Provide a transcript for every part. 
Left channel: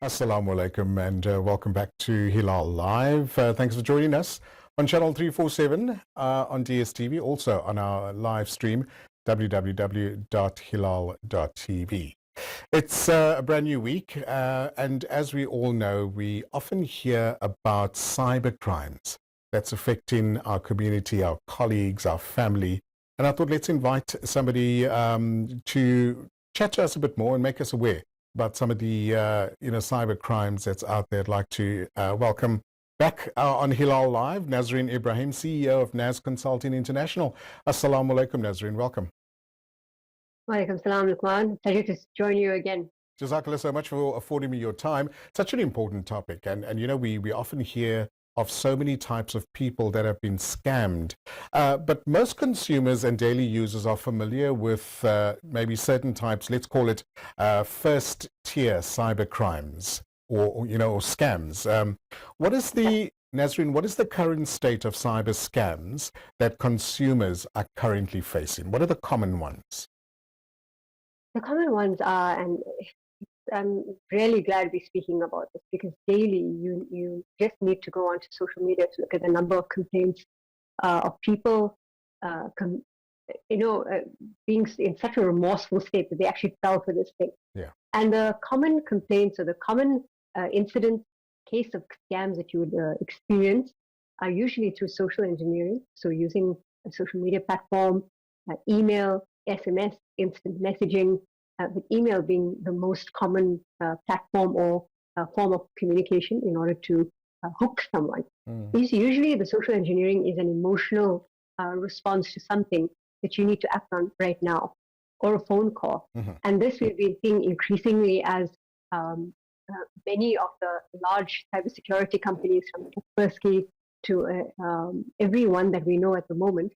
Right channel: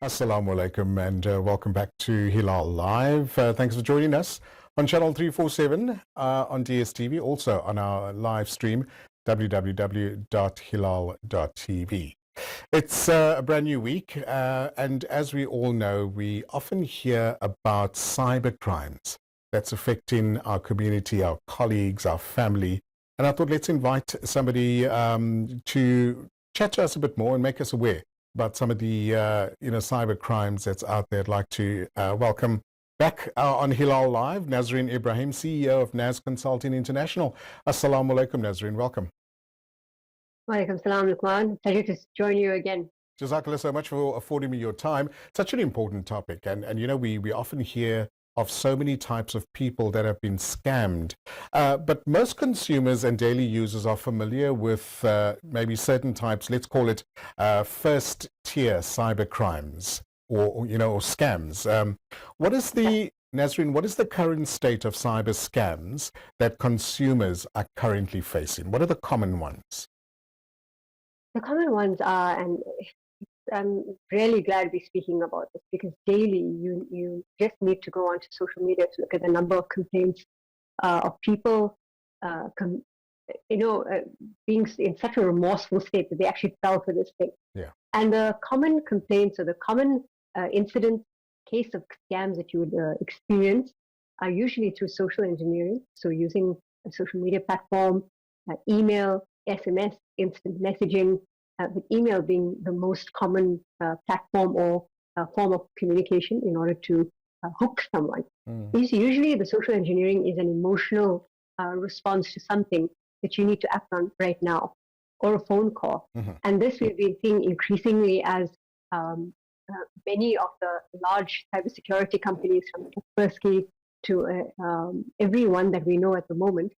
Assalamu alaikum and welcome back to Hilaal Live. Thanks for joining us on channel 347 on DSTV, also on our live stream, www.hilal.tv. It's a brand new week, and as we all know, we often hear about cyber crimes that's affecting our community, our colleagues, our family. And I thought let's invite somebody to chat to us a bit more and make us aware about some of the cyber crimes that's out there. I'd like to welcome back on Hilaal Live, Nazareen Ebrahim, CEO of Naz Consulting International. Assalamu alaikum, Nazareen. Welcome. Walaikum salam, Luqman. Pleasure to join you again. Jazakallah so much for affording me your time. Such an important topic. And we often hear of so many types of people that have been scammed. But most consumers and daily users are familiar with maybe certain types, let's call it first tier cyber crimes or scams. Nazareen, what is the current state of cyber scams that consumers are currently facing? What are the common ones? The common ones are, and I'm really glad we're speaking about this, because daily you just need to go onto social media to look at the number of complaints of people, being in such a remorseful state that they actually fell for this thing. Yeah. And the common complaints or the common incident case of scams that you would experience are usually through social engineering. So using a social media platform, email, SMS, instant messaging, with email being the most common platform or form of communication in order to hook someone. Usually the social engineering is an emotional response to something that you need to act on right now, or a phone call. And this we've been seeing increasingly as many of the large cybersecurity companies, from Kaspersky to everyone that we know at the moment,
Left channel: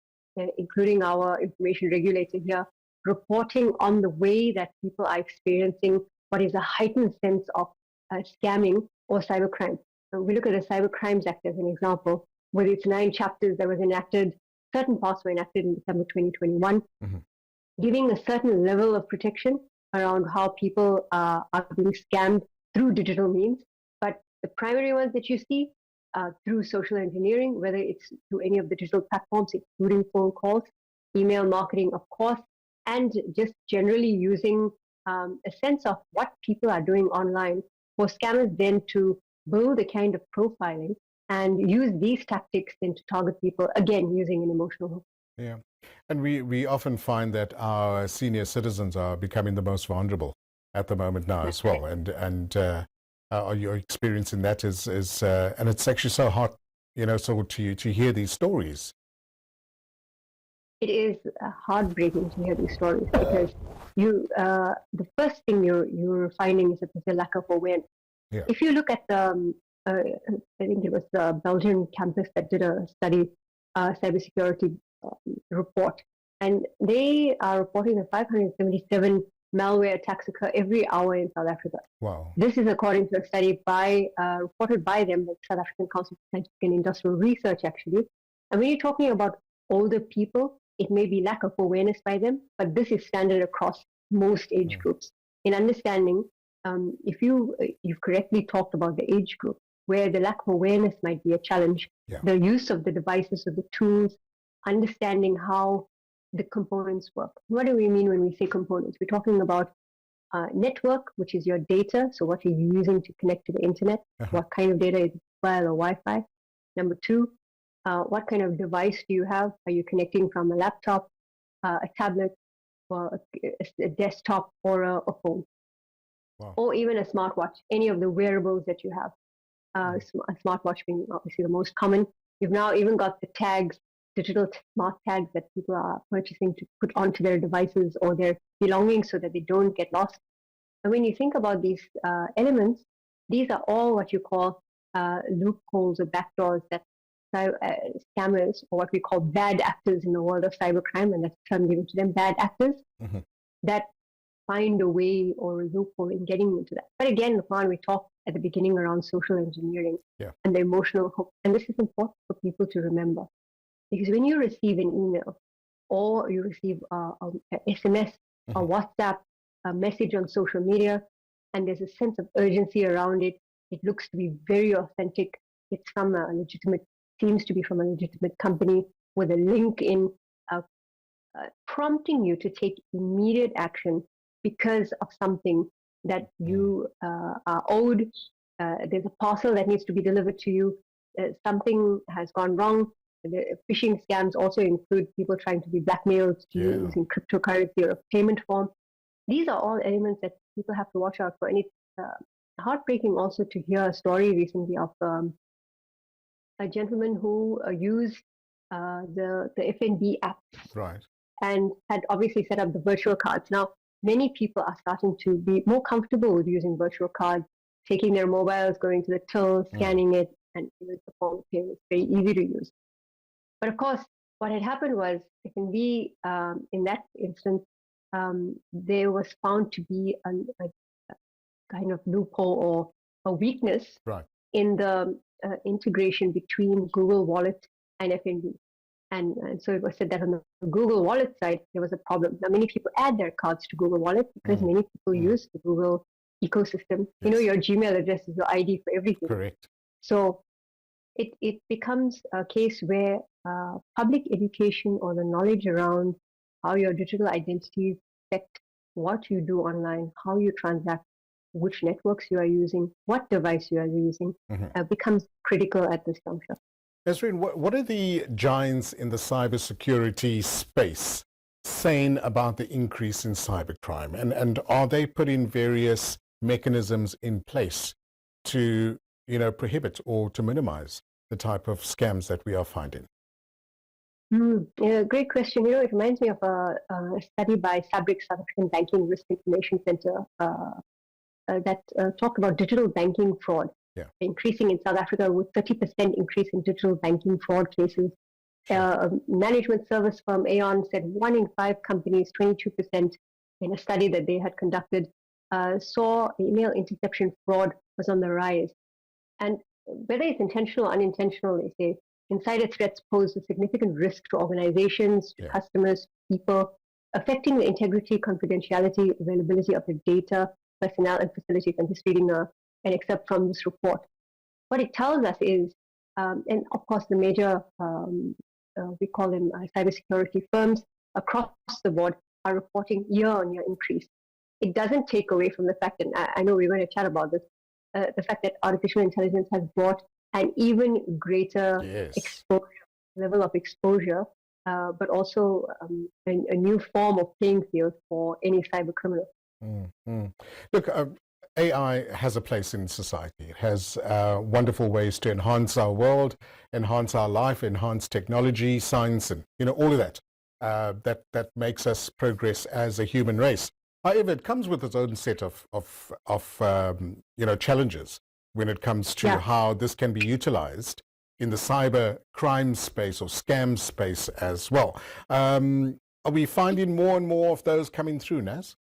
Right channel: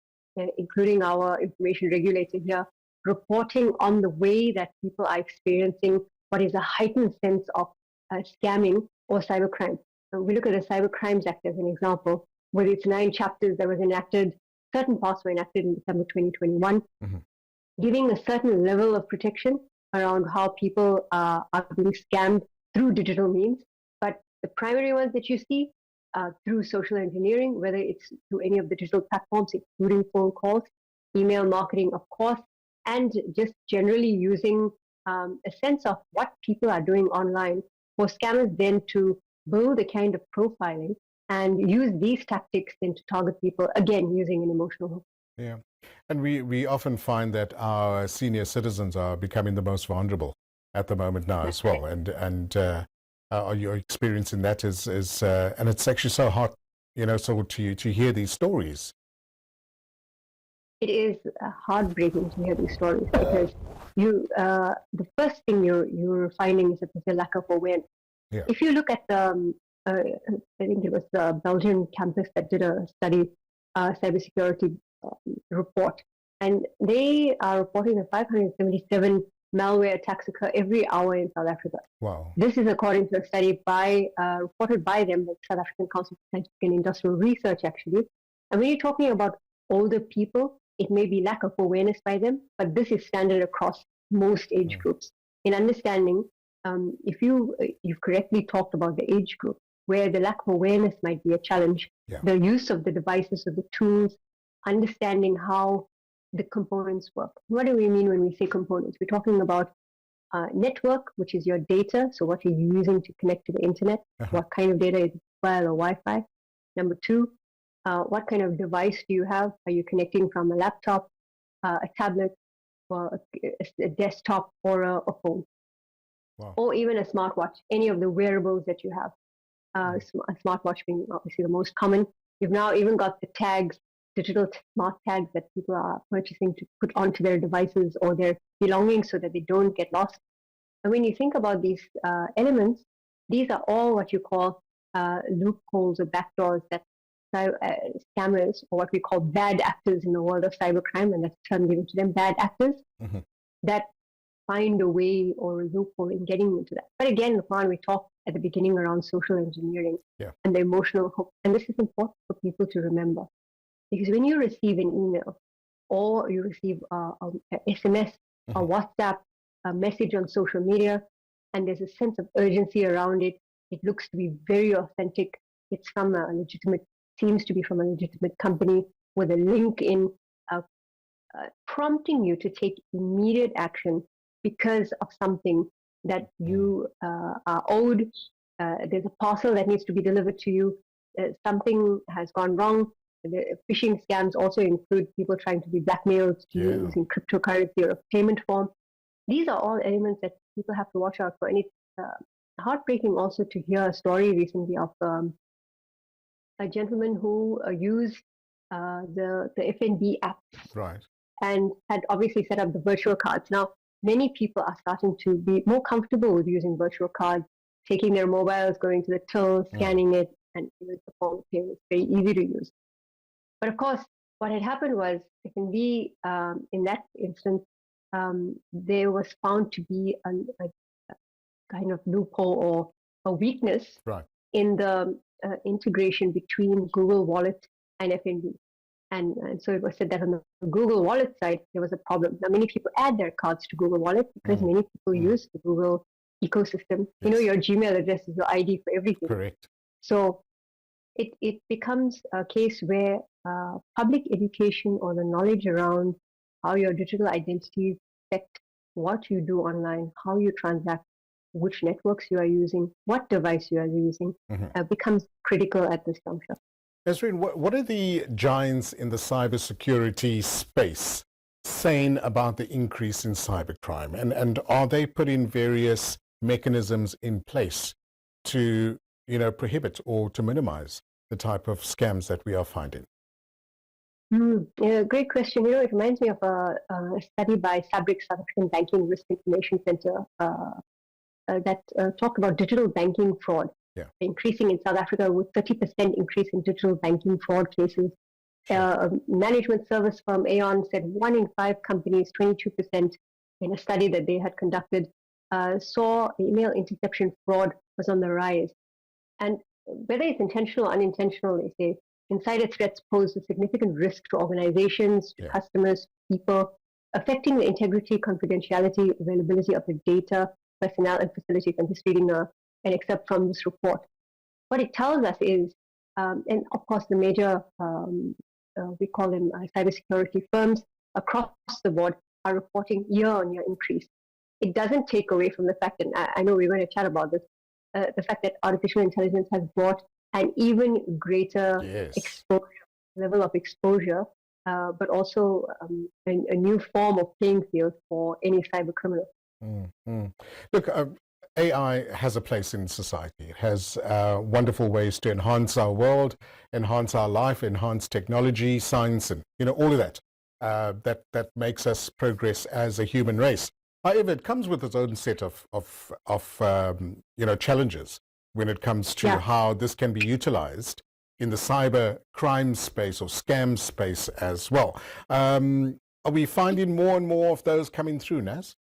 including our information regulator here, reporting on the way that people are experiencing what is a heightened sense of scamming or cybercrime. We look at the Cyber Crimes Act as an example, with its 9 chapters that was enacted. Certain parts were enacted in December 2021, giving a certain level of protection around how people are being scammed through digital means. But the primary ones that you see through social engineering, whether it's through any of the digital platforms, including phone calls, email marketing, of course, and just generally using a sense of what people are doing online for scammers then to build a kind of profiling and use these tactics then to target people, again, using an emotional hook. Yeah. And we often find that our senior citizens are becoming the most vulnerable at the moment now as well. And you're experiencing that and it's actually so hard, to hear these stories. It is heartbreaking to hear these stories, because the first thing you're finding is that there's a lack of awareness. Yeah. If you look at the, I think it was the Belgian campus that did a study, cybersecurity report, and they are reporting that 577 malware attacks occur every hour in South Africa. Wow. This is according to a study reported by them, the South African Council for Scientific and Industrial Research, actually. And when you're talking about older people, it may be lack of awareness by them, but this is standard across most age groups. In understanding, if you've correctly talked about the age group, where the lack of awareness might be a challenge, the use of the devices, of the tools, understanding how the components work. What do we mean when we say components? We're talking about network, which is your data, so what are you using to connect to the internet? What kind of data is it, mobile or Wi-Fi? Number 2, what kind of device do you have? Are you connecting from a laptop, a tablet, or a desktop, or a phone? Wow. Or even a smartwatch, any of the wearables that you have. A smartwatch being obviously the most common. You've now even got the tags, digital smart tags that people are purchasing to put onto their devices or their belongings so that they don't get lost. And when you think about these elements, these are all what you call loopholes or backdoors that scammers, or what we call bad actors in the world of cybercrime, and that's the term given to them, bad actors, that find a way or a loophole in getting into that. But again, Luqman, we talked at the beginning around social engineering and the emotional hook. And this is important for people to remember. Because when you receive an email or you receive an SMS, a WhatsApp, a message on social media, and there's a sense of urgency around it. It looks to be very authentic. It's from a legitimate, seems to be from a legitimate company with a link in prompting you to take immediate action because of something that you are owed. There's a parcel that needs to be delivered to you. Something has gone wrong. The phishing scams also include people trying to be blackmailed to using cryptocurrency or a payment form. These are all elements that people have to watch out for. And it's heartbreaking also to hear a story recently of a gentleman who used the FNB apps, right, and had obviously set up the virtual cards. Now, many people are starting to be more comfortable with using virtual cards, taking their mobiles, going to the till, scanning it, and it's a form of payment. It's very easy to use. But of course, what had happened was FNB, in that instance, there was found to be a kind of loophole or a weakness right. in the integration between Google Wallet and FNB. And so it was said that on the Google Wallet side, there was a problem. Now, many people add their cards to Google Wallet because many people use the Google ecosystem. Yes. You know, your Gmail address is your ID for everything. Correct. So it becomes a case where public education or the knowledge around how your digital identities affect what you do online, how you transact, which networks you are using, what device you are using, becomes critical at this juncture. Nazareen, what are the giants in the cybersecurity space saying about the increase in cybercrime? And are they putting various mechanisms in place to, prohibit or to minimize the type of scams that we are finding? Yeah, great question. It reminds me of a study by Fabric South African Banking Risk Information Center that talked about digital banking fraud. Yeah. Increasing in South Africa with 30% increase in digital banking fraud cases. Management service firm Aon said 1 in 5 companies, 22%, in a study that they had conducted, saw email interception fraud was on the rise. And whether it's intentional or unintentional, they say, insider threats pose a significant risk to organizations, to customers, people, affecting the integrity, confidentiality, availability of the data, personnel, and facilities. I'm just reading an excerpt from this report. What it tells us is, and of course the major, we call them cybersecurity firms across the board are reporting year-on-year increase. It doesn't take away from the fact, and I know we're going to chat about this, the fact that artificial intelligence has brought an even greater level of exposure, but also a new form of playing field for any cyber criminal. Look, AI has a place in society. It has wonderful ways to enhance our world, enhance our life, enhance technology, science, and all of that. That makes us progress as a human race. However, it comes with its own set of challenges when it comes to how this can be utilized in the cyber crime space or scam space as well. Are we finding more and more of those coming through, Naz?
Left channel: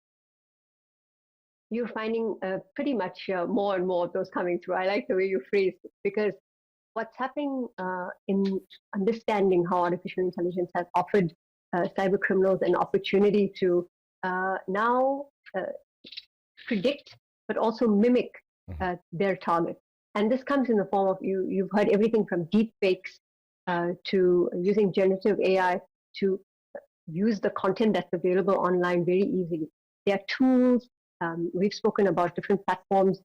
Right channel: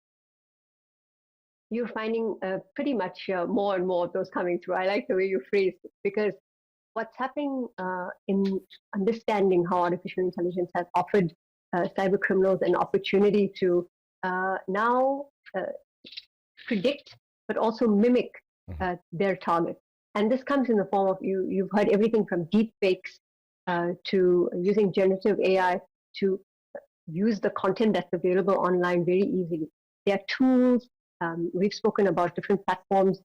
You're finding pretty much more and more of those coming through. I like the way you phrased it, because what's happening in understanding how artificial intelligence has offered cyber criminals an opportunity to now predict, but also mimic their target. And this comes in the form of, you've heard everything from deep fakes to using generative AI to use the content that's available online very easily. There are tools. We've spoken about different platforms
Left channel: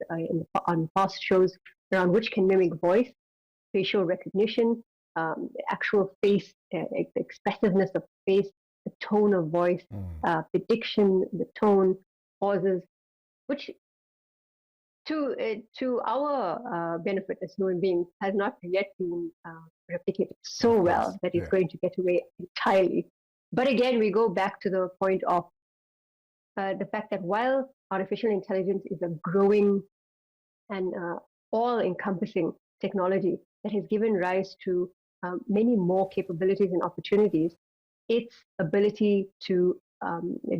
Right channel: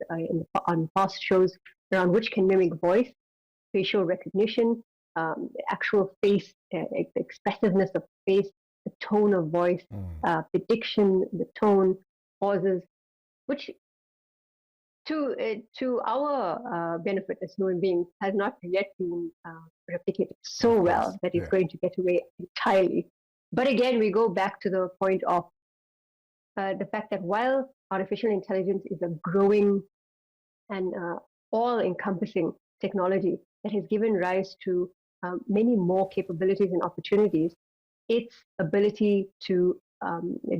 on past shows around which can mimic voice, facial recognition, actual face, expressiveness of face, the tone of voice, prediction, the tone, pauses, which to our benefit as human beings has not yet been replicated so well that it's going to get away entirely. But again, we go back to the point of the fact that while artificial intelligence is a growing and all-encompassing technology that has given rise to many more capabilities and opportunities, its ability to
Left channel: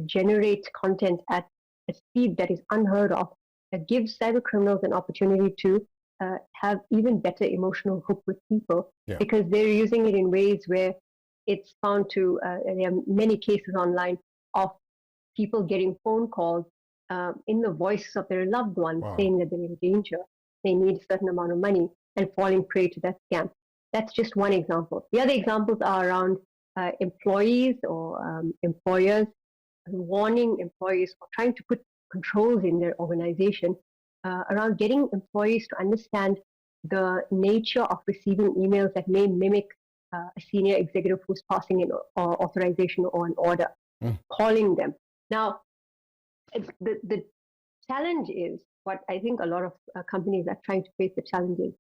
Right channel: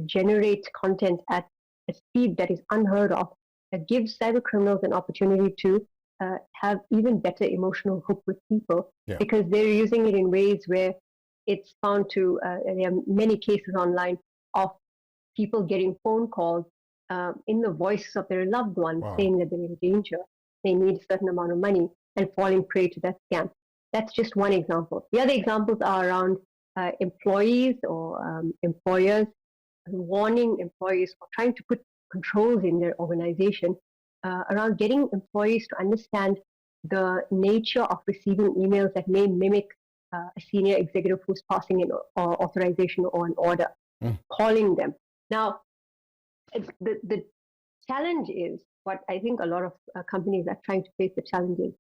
generate content at a speed that is unheard of gives cyber criminals an opportunity to have even better emotional hook with people, because they're using it in ways where it's found to, there are many cases online of people getting phone calls in the voice of their loved one saying that they're in danger, they need a certain amount of money, and falling prey to that scam. That's just one example. The other examples are around employees or employers warning employees or trying to put controls in their organization around getting employees to understand the nature of receiving emails that may mimic a senior executive who's passing an authorization or an order, calling them. Now, the challenge is what I think a lot of companies are trying to face the challenge is,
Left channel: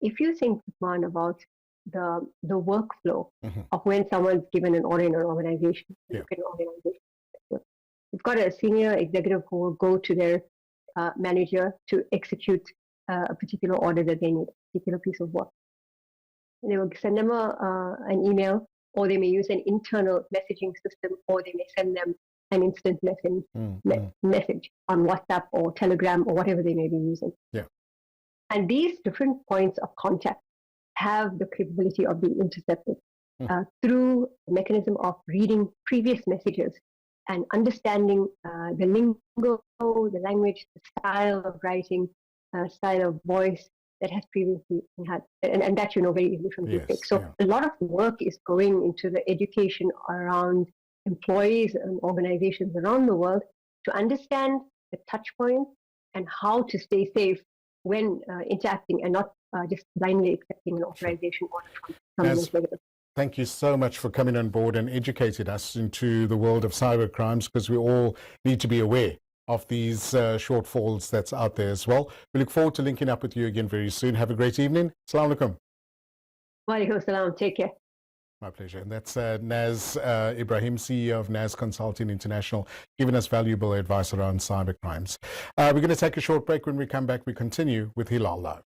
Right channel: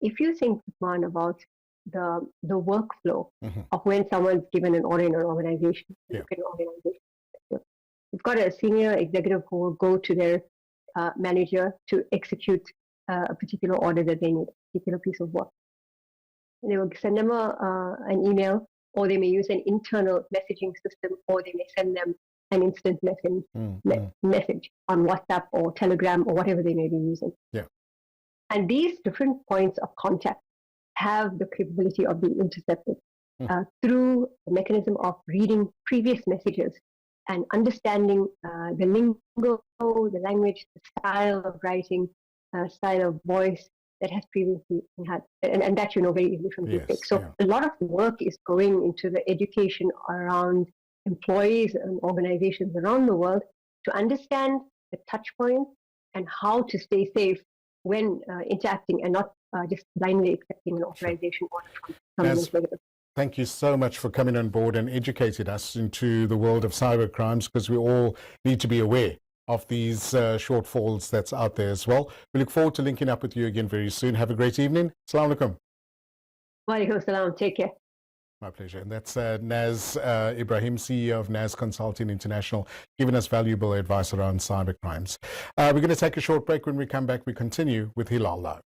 if you think, Usman, about the workflow of when someone's given an order in an organization, you've got a senior executive who will go to their manager to execute a particular order that they need, a particular piece of work. They will send them an email, or they may use an internal messaging system, or they may send them an instant message on WhatsApp or Telegram or whatever they may be using. Yeah. And these different points of contact have the capability of being intercepted through the mechanism of reading previous messages and understanding the lingo, the language, the style of writing, style of voice that has previously had, and that very easily from deepfake. So a lot of work is going into the education around employees and organizations around the world to understand the touch points and how to stay safe when interacting and not just blindly accepting an authorization order from an executive. Thank you so much for coming on board and educating us into the world of cyber crimes, because we all need to be aware of these shortfalls that's out there as well. We look forward to linking up with you again very soon. Have a great evening. Assalamu alaikum. Wa alaikum salam. Take care. My pleasure. And that's Nazareen Ebrahim, CEO of Naz Consulting International, giving us valuable advice around cyber crimes. We're going to take a short break. When we come back, we continue with Hilaal Live.